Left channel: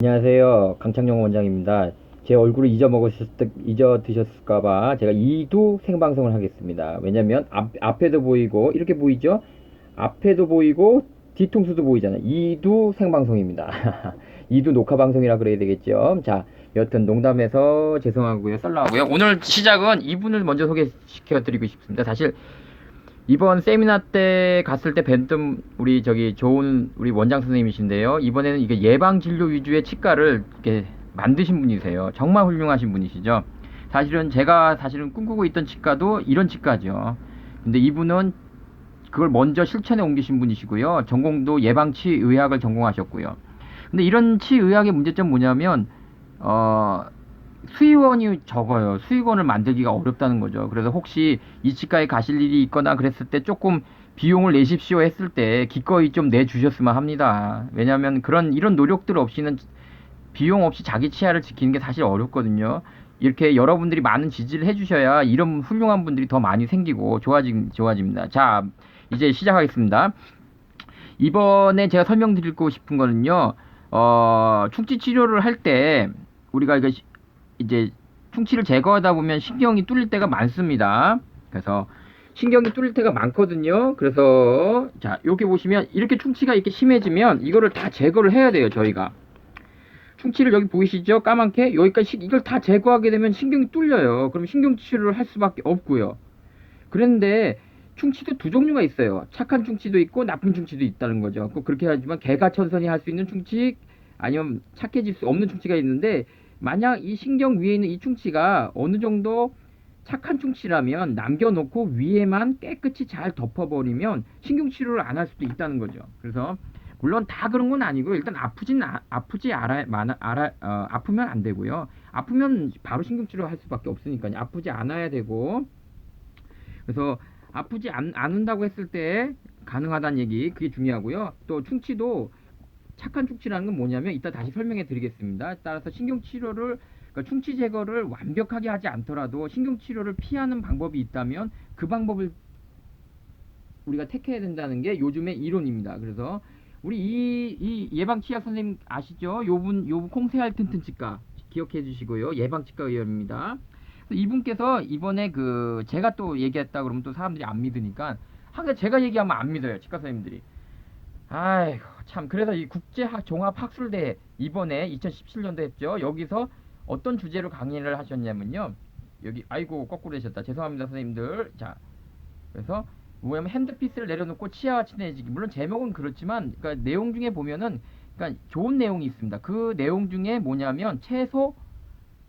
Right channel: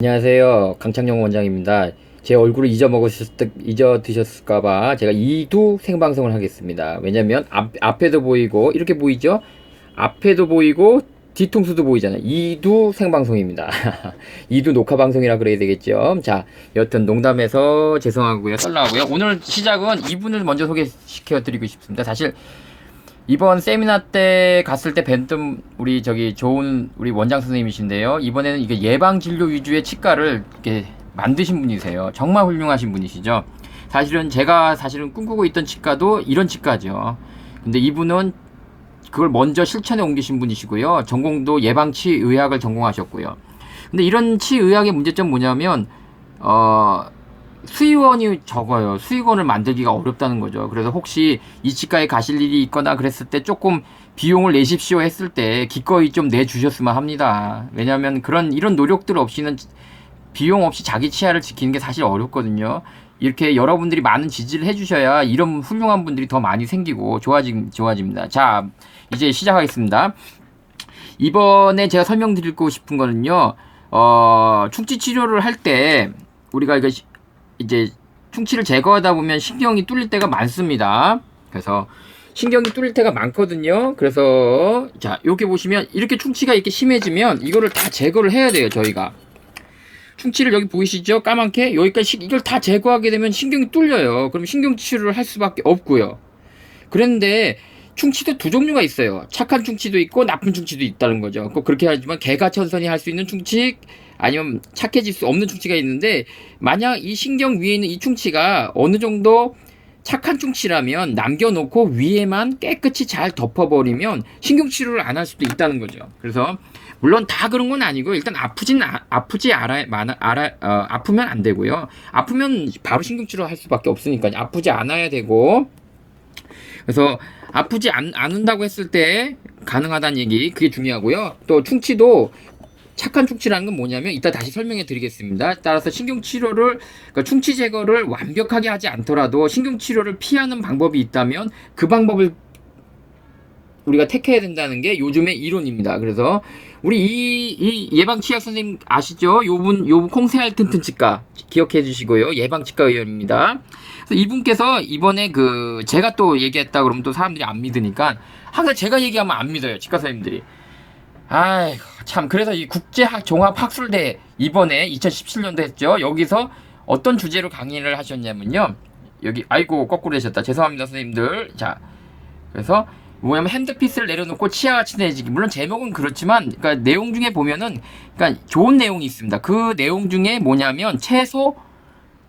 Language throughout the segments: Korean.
안녕하세요. 강창영 원장입니다. 제 얼굴을 잊어드셨을까봐 제가 2두 생방송을 하겠습니다. 왜냐면 앞에도 보이고 이렇게 보이죠? 앞에도 보이고 뒤통수도 보이잖아요. 2두 생방송입니다. 2두 녹화 방송이라 그래야 되겠죠. 자, 여튼 농담해서 죄송하고요. 썰나고요. 오늘 시작은 이분을 먼저 소개시켜 드리고 싶습니다. 사실 이번 세미나 때 갔을 때 뵀던 우리 좋은 우리 원장 선생님이신데요. 이번에는 이게 예방 진료 위주의 치과를 이렇게 만드신 분이세요. 정말 훌륭하신 분이시죠. 제가 꿈꾸고 있던 치과도 이런 치과죠. 근데 이분은 그걸 먼저 실천에 옮기신 분이시고요. 전공도 예방치의학을 전공하셨고요. 근데 이런 치의학의 문제점 뭐냐면 수의원이 적어요. 수의원을 만들기가 어렵다는 거죠. 그래서 혹시 이 치과에 가실 일이 있거나 그랬을 때 조금 비용을 내십시오 했을 때 기꺼이 좀 내주셨으면 합니다. 왜냐하면 이런 노력들 없이는 비용 없이 자기 치아를 지키는 게 사실 어렵거든요. 이렇게 여러분들이 많은 지지를 해주셔야 이런 훌륭한 분들이 더 많이 생기고 좋아집니다. 자, 이제 시작하겠습니다. 이번에 제가 설명드리고 싶은 거는요, 충치 치료를 할 때 우리가 이제 충치를 제거하다 보면 신경이 뚫릴 때가 많습니다. 그래서 신경이 뚫릴 때가 많거든요. 그래서 자, 여기 보시면 이렇게 충치가 이렇게 심해지면 이거를 다 제거를 해야 돼요. 저희가 충치를 여기 보이시죠? 까맣게 여기까지 이걸 다 제거하게 되면 신경이 뚫려요. 그럼 신경 치료를 할 수밖에 없고요. 그런데 충치도 두 종류가 있어요. 착한 충치도 있고 나쁜 충치도 있다는 거죠. 꼭 그렇게 하지만 개가천선이 할 수 있는 충치, 아니면 착해질 수 없는 충치가 있는데, 만약 이 신경 위에 있는 이 충치가 어느 정도 착한 충치라면 남겨놓고 위에만 깨끗이 잘 덮어버리면 신경치료를 안 할 수도 있다는 거죠. 그래서 물론 다 그런 건 아니고, 일단 아프면 안 되고요. 아프면 바로 신경치료 할 수밖에 없으니까요. 아프지 않아야 되고, 그래서 아프지 않는다고 했을 때 가능하다는 얘기, 그게 중요하고요. 또 충치도 착한 충치라는 건 뭐냐면 이따 다시 설명해 드리겠습니다. 따라서 그러니까 충치 제거를 완벽하게 하지 않더라도 신경치료를 피하는 방법이 있다면 그 방법을 우리가 택해야 된다는 게 요즘의 이론입니다. 그래서 우리 이 예방치약 선생님 아시죠? 요분 콩새알 튼튼 치과 기억해 주시고요. 예방치과 의원입니다. 그래서 이분께서 이번에 제가 또 얘기했다 그러면 또 사람들이 안 믿으니까, 항상 제가 얘기하면 안 믿어요. 치과 선생님들이. 아이고 참, 그래서 이 국제종합학술대 이번에 2017년도 했죠. 여기서 어떤 주제로 강의를 하셨냐면요, 여기 아이고 거꾸로 되셨다, 죄송합니다 선생님들. 자, 그래서 뭐냐면 핸드피스를 내려놓고 치아가 친해지기, 물론 제목은 그렇지만 그러니까 내용 중에 보면은 그러니까 좋은 내용이 있습니다. 그 내용 중에 뭐냐면 채소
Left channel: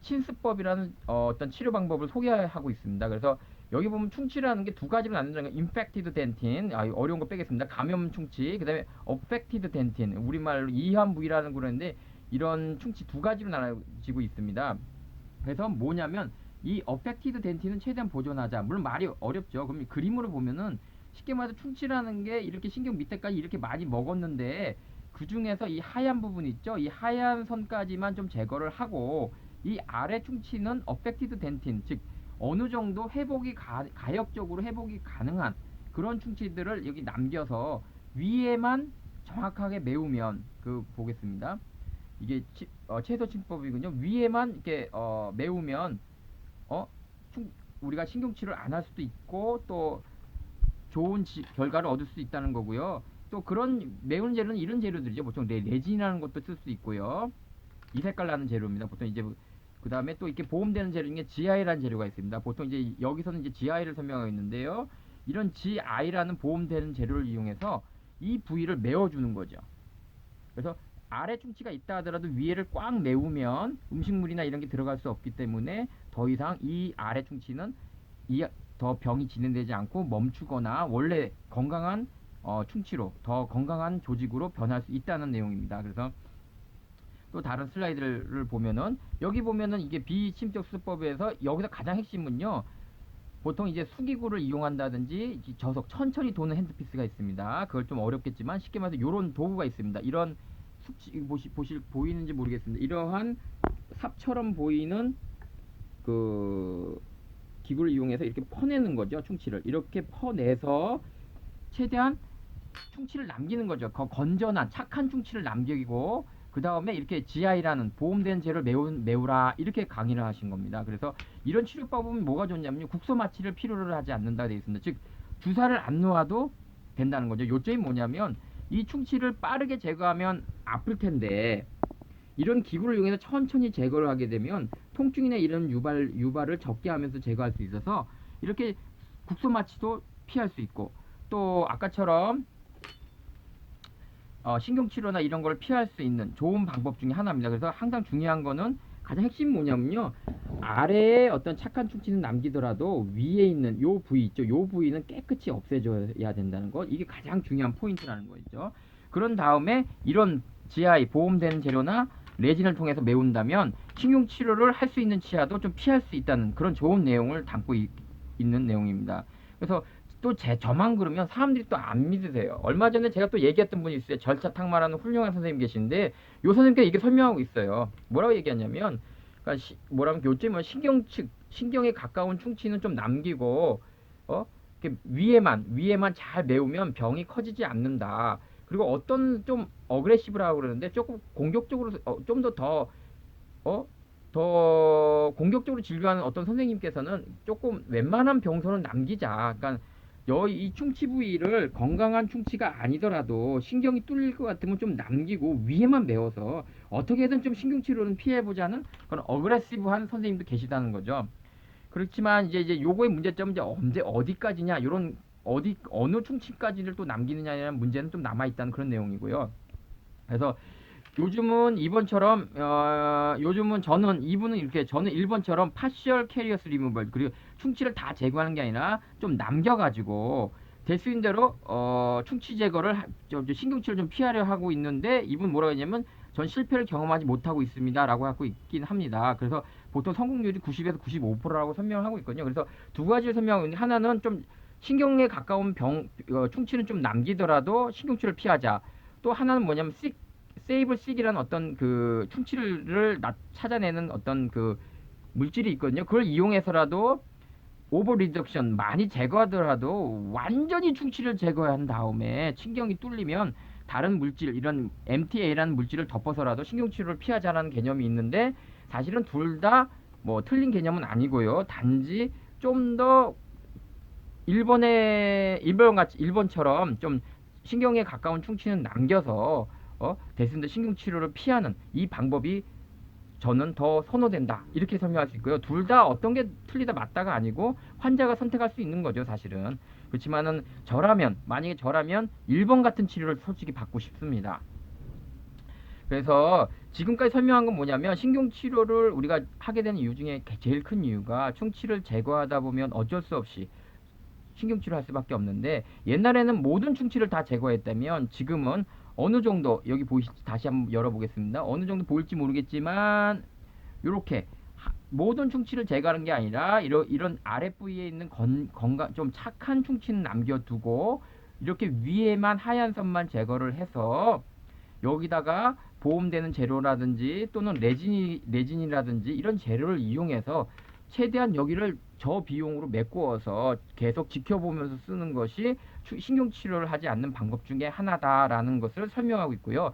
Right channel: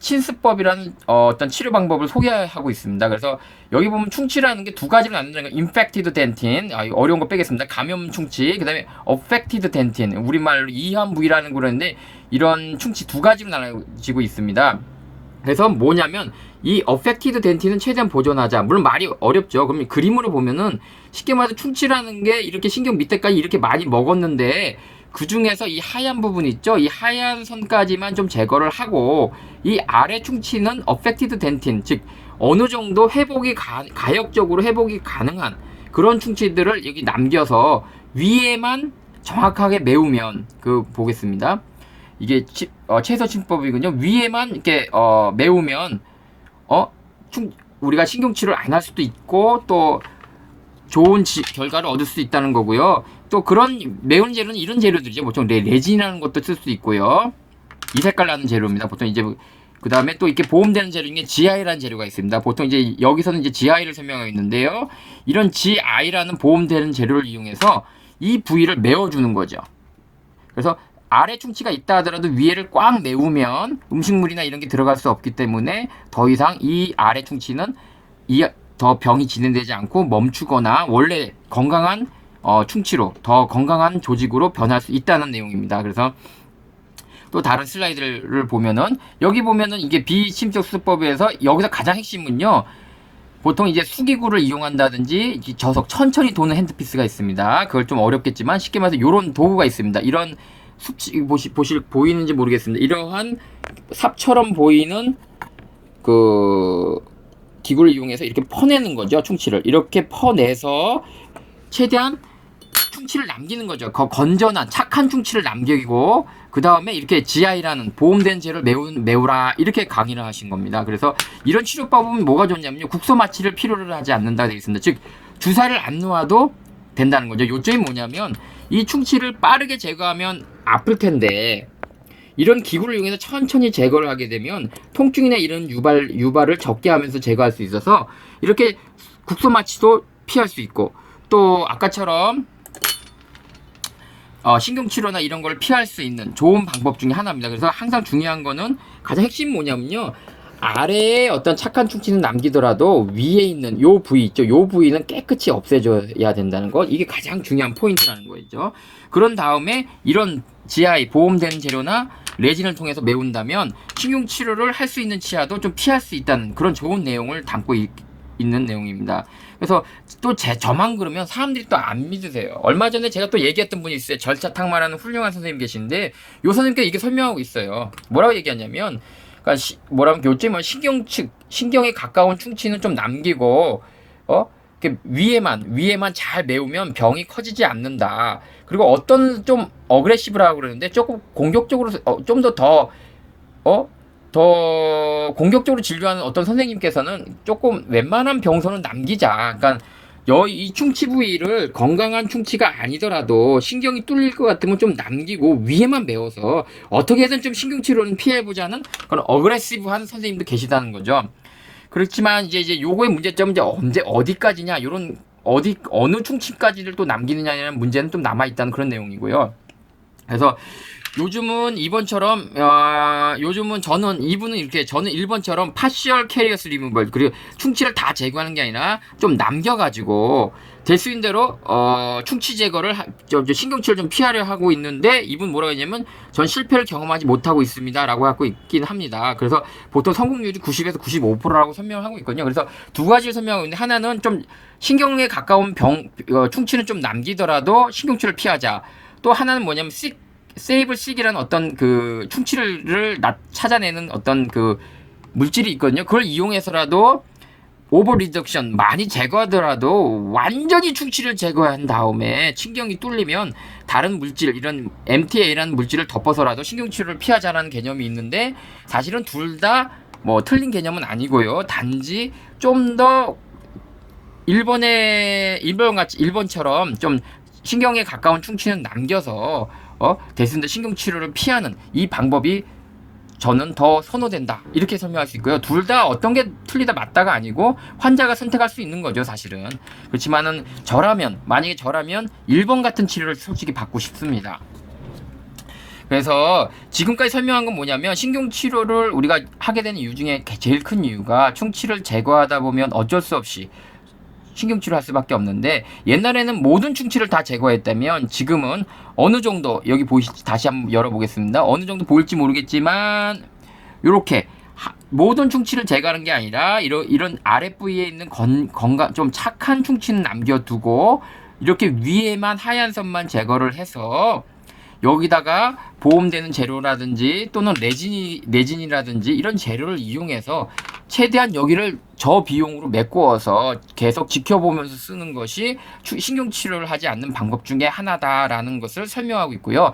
친스법이라는 어떤 치료 방법을 소개하고 있습니다. 그래서 여기 보면 충치라는 게 두 가지로 나눈다는 거, infected dentin, 어려운 거 빼겠습니다. 감염 충치, 그 다음에 affected dentin, 우리말로 이한 부위라는 거라는데, 이런 충치 두 가지로 나눠지고 있습니다. 그래서 뭐냐면 이 affected dentin은 최대한 보존하자. 물론 말이 어렵죠. 그럼 그림으로 보면은 쉽게 말해서 충치라는 게 이렇게 신경 밑에까지 이렇게 많이 먹었는데, 그 중에서 이 하얀 부분 있죠? 이 하얀 선까지만 좀 제거를 하고, 이 아래 충치는 affected dentin, 즉 어느 정도 가역적으로 회복이 가능한 그런 충치들을 여기 남겨서 위에만 정확하게 메우면, 보겠습니다. 이게 채소 침법이군요. 위에만 이렇게 메우면 우리가 신경치료를 안 할 수도 있고 또 좋은 결과를 얻을 수 있다는 거고요. 또 그런 매운 재료는 이런 재료들이죠. 보통 레진이라는 것도 쓸 수 있고요. 이 색깔 나는 재료입니다. 보통 이제 그 다음에 또 이렇게 보험되는 재료 중에 GI라는 재료가 있습니다. 보통 이제 여기서는 이제 GI를 설명하고 있는데요. 이런 GI라는 보험되는 재료를 이용해서 이 부위를 메워주는 거죠. 그래서 아래 충치가 있다 하더라도 위에를 꽉 메우면 음식물이나 이런 게 들어갈 수 없기 때문에 더 이상 이 아래 충치는 더 병이 진행되지 않고 멈추거나 원래 건강한 충치로, 더 건강한 조직으로 변할 수 있다는 내용입니다. 그래서 또 다른 슬라이드를 보면은, 여기 보면은 이게 비침적 수술법에서 여기서 가장 핵심은요, 보통 이제 수기구를 이용한다든지 천천히 도는 핸드피스가 있습니다. 그걸 좀 어렵겠지만 쉽게 말해서 이런 도구가 있습니다. 이런 보이는지 모르겠습니다. 이러한 삽처럼 보이는 기구를 이용해서 이렇게 퍼내는 거죠. 충치를 이렇게 퍼내서 최대한 충치를 남기는 거죠. 건전한 착한 충치를 남기고, 그 그 다음에 이렇게 GI라는 보험된 재를 메우라 이렇게 강의를 하신 겁니다. 그래서 이런 치료법은 뭐가 좋냐면요, 국소 마취를 필요로 하지 않는다 되어 있습니다. 즉 주사를 안 놓아도 된다는 거죠. 요점이 뭐냐면 이 충치를 빠르게 제거하면 아플 텐데 이런 기구를 이용해서 천천히 제거를 하게 되면 통증이나 이런 유발을 적게 하면서 제거할 수 있어서 이렇게 국소 마취도 피할 수 있고, 또 아까처럼 신경치료나 이런 걸 피할 수 있는 좋은 방법 중에 하나입니다. 그래서 항상 중요한 거는, 가장 핵심 뭐냐면요, 아래에 어떤 착한 충치는 남기더라도 위에 있는 요 부위 있죠, 요 부위는 깨끗이 없애줘야 된다는 것, 이게 가장 중요한 포인트라는 거죠. 그런 다음에 이런 GI 보험된 재료나 레진을 통해서 메운다면 신경치료를 할 수 있는 치아도 좀 피할 수 있다는 그런 좋은 내용을 담고 있는 내용입니다. 그래서 또 저만 그러면 사람들이 또 안 믿으세요. 얼마 전에 제가 또 얘기했던 분이 있어요. 절차탕마라는 훌륭한 선생님 계신데, 요 선생님께 이게 설명하고 있어요. 뭐라고 얘기하냐면, 그러니까 뭐라면 요즘은 신경에 가까운 충치는 좀 남기고, 위에만 잘 메우면 병이 커지지 않는다. 그리고 어떤 좀 어그레시브라고 그러는데, 조금 공격적으로 좀 더 공격적으로 진료하는 어떤 선생님께서는 조금 웬만한 병선은 남기자. 그러니까 이 충치 부위를 건강한 충치가 아니더라도 신경이 뚫릴 것 같으면 좀 남기고 위에만 메워서 어떻게든 좀 신경치료는 피해보자는 그런 어그레시브한 선생님도 계시다는 거죠. 그렇지만 이제 요거의 문제점은 이제 어디까지냐, 요런 어느 충치까지를 또 남기느냐는 문제는 좀 남아 있다는 그런 내용이고요. 그래서 요즘은 저는 1번처럼 파시얼 캐리어스 리무벌, 그리고 충치를 다 제거하는 게 아니라 좀 남겨가지고 될 수 있는 대로 충치 제거를 신경치를 좀 피하려 하고 있는데, 이분 뭐라고 했냐면 전 실패를 경험하지 못하고 있습니다 라고 하고 있긴 합니다. 그래서 보통 성공률이 90에서 95%라고 설명하고 있거든요. 그래서 두 가지를 설명하고 있는데, 하나는 좀 신경에 가까운 충치는 좀 남기더라도 신경치를 피하자. 또 하나는 뭐냐면 세이블 식이라는 어떤 그 충치를 찾아내는 어떤 그 물질이 있거든요. 그걸 이용해서라도 오버 리덕션 많이 제거하더라도 완전히 충치를 제거한 다음에 신경이 뚫리면 다른 물질, 이런 MTA라는 물질을 덮어서라도 신경치료를 피하자라는 개념이 있는데, 사실은 둘 다 뭐 틀린 개념은 아니고요. 단지 좀 더 일본처럼 좀 신경에 가까운 충치는 남겨서 대신에 신경치료를 피하는 이 방법이 저는 더 선호된다, 이렇게 설명할 수 있고요. 둘 다 어떤 게 틀리다 맞다가 아니고 환자가 선택할 수 있는 거죠, 사실은. 그렇지만은 만약에 저라면 1번 같은 치료를 솔직히 받고 싶습니다. 그래서 지금까지 설명한 건 뭐냐면, 신경치료를 우리가 하게 되는 이유 중에 제일 큰 이유가 충치를 제거하다 보면 어쩔 수 없이 신경치료 할 수밖에 없는데, 옛날에는 모든 충치를 다 제거했다면 지금은 어느 정도, 여기 보이시죠? 다시 한번 열어보겠습니다. 어느 정도 보일지 모르겠지만 이렇게 모든 충치를 제거하는 게 아니라 이런 아랫부위에 있는 건강 좀 착한 충치는 남겨두고 이렇게 위에만 하얀 선만 제거를 해서 여기다가 보험되는 재료라든지 또는 레진이라든지 이런 재료를 이용해서 최대한 여기를 저비용으로 메꾸어서 계속 지켜보면서 쓰는 것이 신경치료를 하지 않는 방법 중에 하나다라는 것을 설명하고 있고요.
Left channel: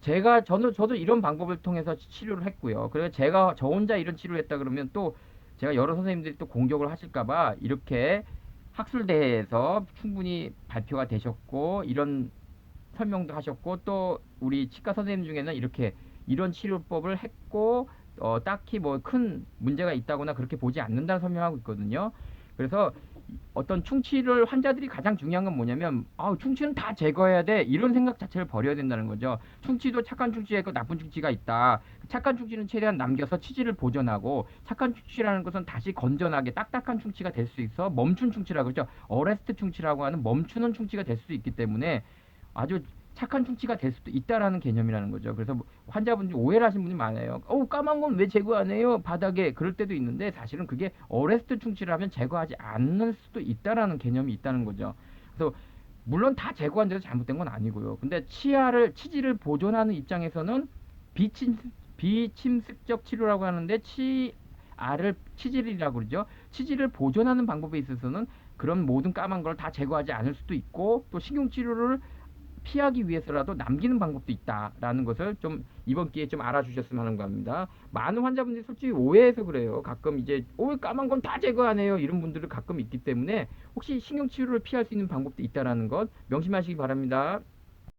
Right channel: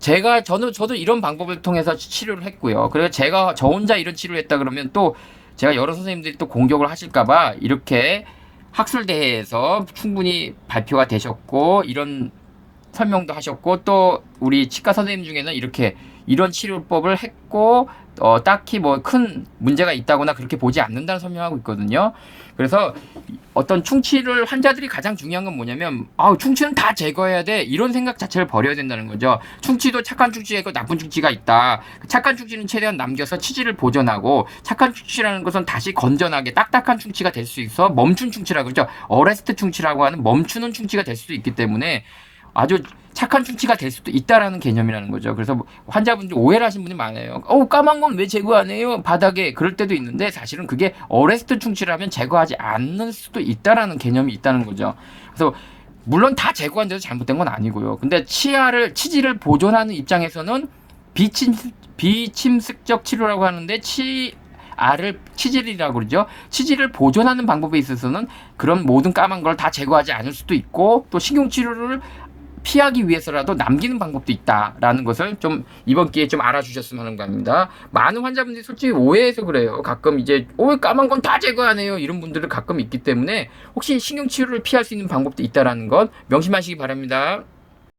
저도 이런 방법을 통해서 치료를 했고요. 그래서 저 혼자 이런 치료를 했다 그러면 또 제가 여러 선생님들이 또 공격을 하실까봐 이렇게 학술대회에서 충분히 발표가 되셨고, 이런 설명도 하셨고, 또 우리 치과 선생님 중에는 이런 치료법을 했고 딱히 뭐 큰 문제가 있다거나 그렇게 보지 않는다는 설명하고 있거든요. 그래서 어떤 충치를, 환자들이 가장 중요한 건 뭐냐면, 충치는 다 제거해야 돼, 이런 생각 자체를 버려야 된다는 거죠. 충치도 착한 충치가 있고 나쁜 충치가 있다. 착한 충치는 최대한 남겨서 치질을 보존하고, 착한 충치라는 것은 다시 건전하게 딱딱한 충치가 될 수 있어 멈춘 충치라고 그러죠. 어레스트 충치라고 하는 멈추는 충치가 될 수도 있기 때문에 아주 착한 충치가 될 수도 있다라는 개념이라는 거죠. 그래서 환자분들이 오해를 하시는 분이 많아요. 까만 건 왜 제거 안 해요? 바닥에. 그럴 때도 있는데, 사실은 그게 어레스트 충치라면 제거하지 않을 수도 있다라는 개념이 있다는 거죠. 그래서 물론 다 제거한 데서 잘못된 건 아니고요. 근데 치질을 보존하는 입장에서는 비침습적 치료라고 하는데, 치질이라고 그러죠. 치질을 보존하는 방법에 있어서는 그런 모든 까만 걸 다 제거하지 않을 수도 있고, 또 신경치료를 피하기 위해서라도 남기는 방법도 있다라는 것을 좀 이번 기회에 좀 알아주셨으면 하는 겁니다. 많은 환자분들이 솔직히 오해해서 그래요. 가끔 이제 왜 까만 건 다 제거하네요 이런 분들은 가끔 있기 때문에 혹시 신경치료를 피할 수 있는 방법도 있다라는 것 명심하시기 바랍니다.